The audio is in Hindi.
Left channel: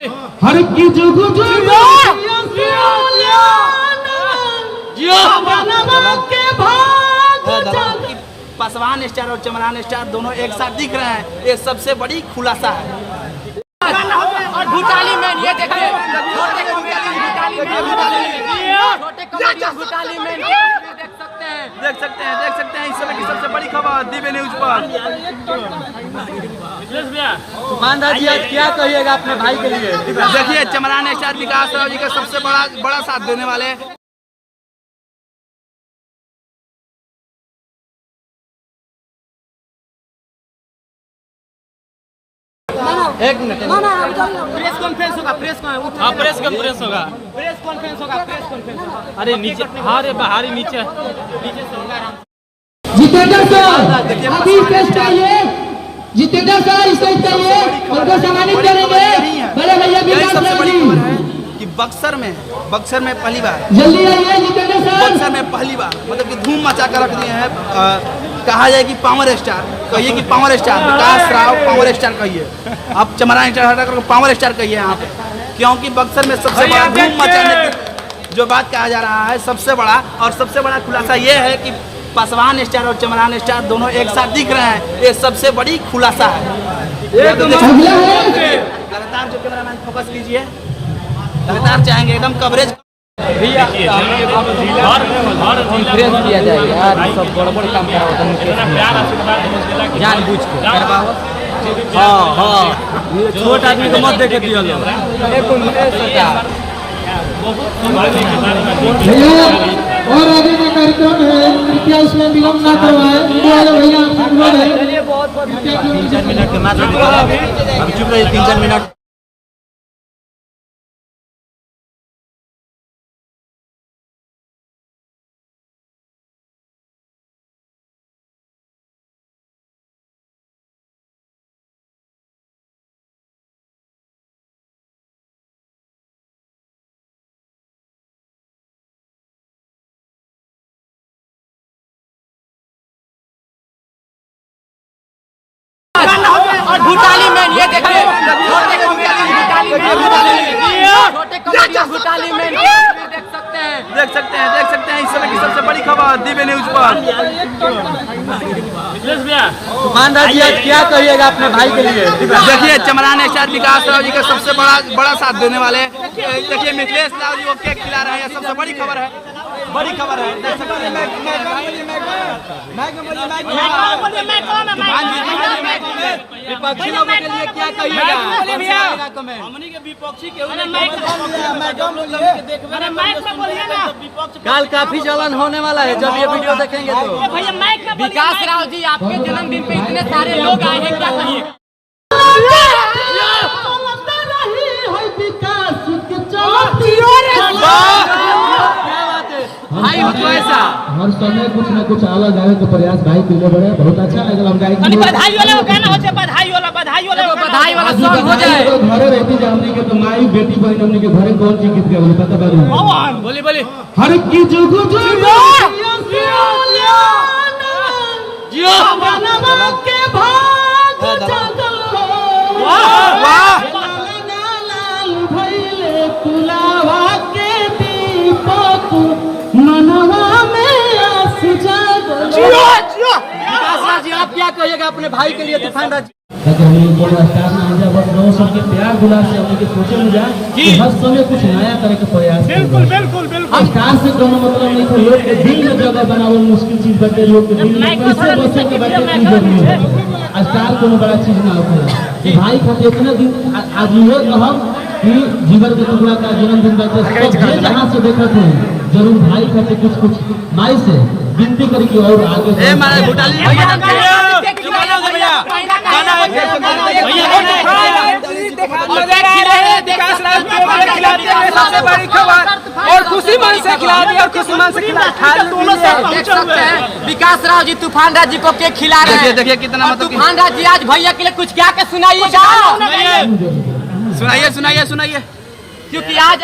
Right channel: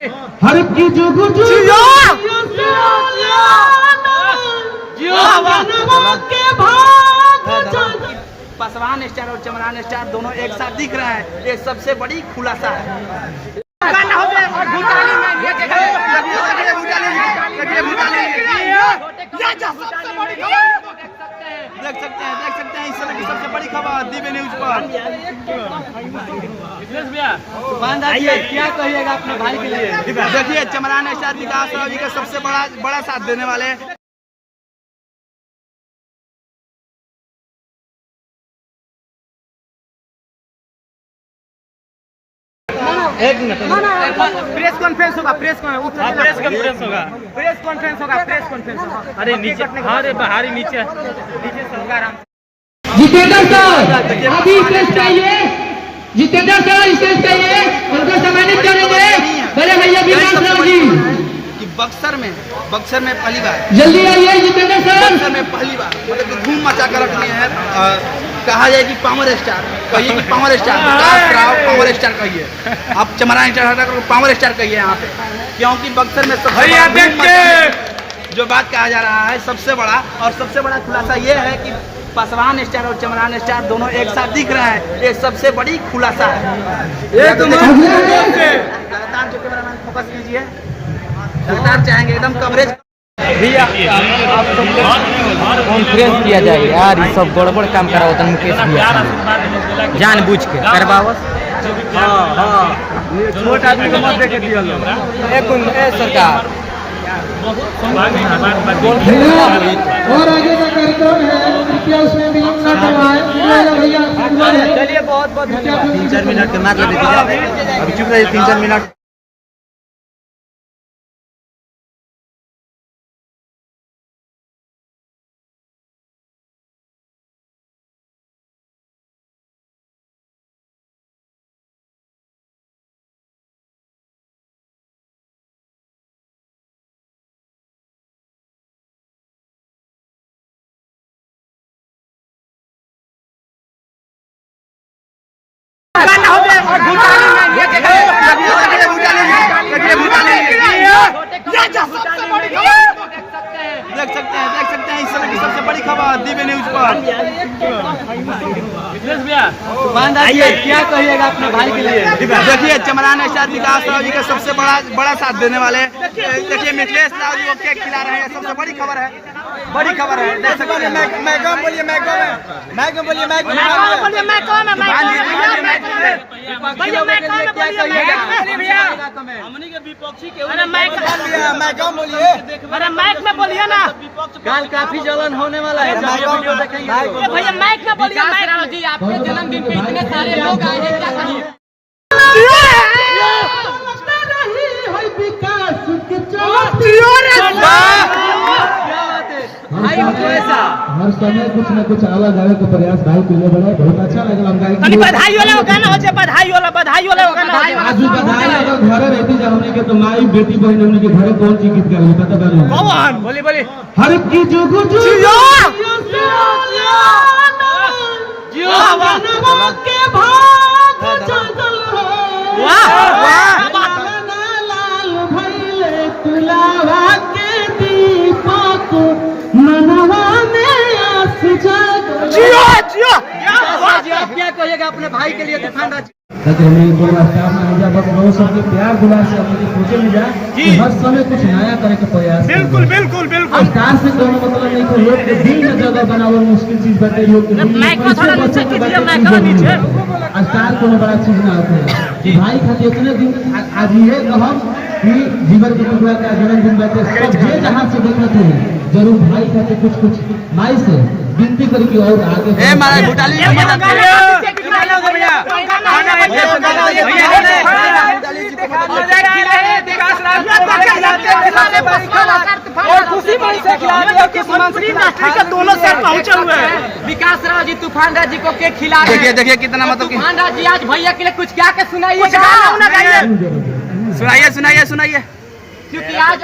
हर की जुगु जुगु पासवान स्टार और चमरान स्टार दोनों एक साथ दिख रहे हैं। ये सबसे बड़ी खुलासा है। और भूटाली में ये देखिए, देख सकते हैं इस समय की सबसे बड़ी खबर दिव्य न्यूज पर। क्या कहिएगा अपने भाई के लिए? देखिए चमरान स्टार विकास राव जी का सबसे बड़ा साथ देने वाले एक मिनट प्रेस कॉन्फ्रेंस होगा। प्रेस कॉन्फ्रेंस होगा। अरे नीचे, अरे बाहरी नीचे जितेंद्र सर अभी स्टेज चाहिए। जितेंद्र सर स्टेज चाहिए, उनको सम्मानित करेंगे बड़े भैया विकास राव जी कि बक्सर में पहली बार, जल्दी आइए जितेंद्र सर। बक्सर में पहली बार मतलब कि धूम मचा कर रख दिए हैं। कहा जाए कि पावर स्टार कहिए, कि पावर स्टार विकास राव पावर स्टार कहिए, आप चमरान स्टार हटा कर पावर स्टार कहिए यहाँ पे, क्योंकि बक्सर में सबसे बड़ा धूम मचाने जो बात कहा जा रहा है सबसे बड़ा खुलासा ये है कि पासवान स्टार और चमरान स्टार दोनों एक साथ दिख रहे हैं। ये सबसे बड़ी खुलासा है। लगातार जो कैमरामैन फोकस कीजिए, लगातार चाहेंगे एकदम कवरेज कॉन्फ्रेंस किया जाए यार। ये सब बड़ काम करा होता है जानबूझ के करवाओ। छोट आदमी को मत देके दिया लो। और आगे का कार्यक्रम है, कृपया उसमें विलम्ब न करवाएं। चलिए बहुत 3-4 मिनट के बाद अभी चुप रहिए। 3-4 मिनट और भूटाली में ये देखिए, देख सकते हैं इस समय की सबसे बड़ी खबर दिव्य न्यूज पर। क्या कहिएगा अपने भाई के लिए? देखिए चमरान स्टार विकास राव जी का सबसे बड़ा साथ देने वाले, देखिए मिथिलेश राव जी वो केक खिला रहे हैं। सबसे बड़ी खबर है। देख सकते हैं विपक्षी लोगों के लिए क्या कहिएगा? हमनी के विपक्षी के कल काफी जलन होने वाला है जब ये वीडियो देखेंगे तो। विकास राव जी आपके जन्मदिन पे इतने सारे लोग आए हैं, क्या कहिए? भाई हो तो ऐसा हर समय कुछ न कुछ अलग अलग का प्रयास भाई के लिए बड़ा बहुत अच्छा लगल। हम गाई बधाई वाला गाना हो जाए, बधाई वाला आज घरे रहती जाऊंगी के तो माई बेटी बहन हमने के घरे कौन सी गीत गावे पता बा? बोली हर की जुगु जुगु के भाग जागल वाह भइले तुलावा के दीपक मनवा में आस जागल। विकास राव जी आप क्या कहिएगा अपने भाई के लिए? तूफान राज हमें को स्टार में आ जा बस लोग सबके प्यार दुलार से हमने के सोचे में जा कि हर समय कुछ नया करे के प्रयास। बिल्कुल स्टार से कोनो मतलब नहीं कि योग के दिल में जगह बनावल मुश्किल चीज बटे। योग के दिल में कैसे बचे के बटे चीज जरूरी है। स्टार कोनो बड़ा चीज ना होता कि भाई खातिर इतने दिन आज ये कहब कि जीवन के टुकड़ा का जन्मदिन बाटे सब जे जहां से देखत है जरूर भाई खातिर कुछ माई से विनती करी कि और आगे मारे भूटाली और खुशी मन से खिला दिया, खुशी मन से विकास राव जी तूफान राज जी को केक खिला रहे हैं। देखिए कितना मतलब तूफान राज जी आज भैया के लिए कुछ क्या के सुनाइएगा, सुनाइए क्योंकि आज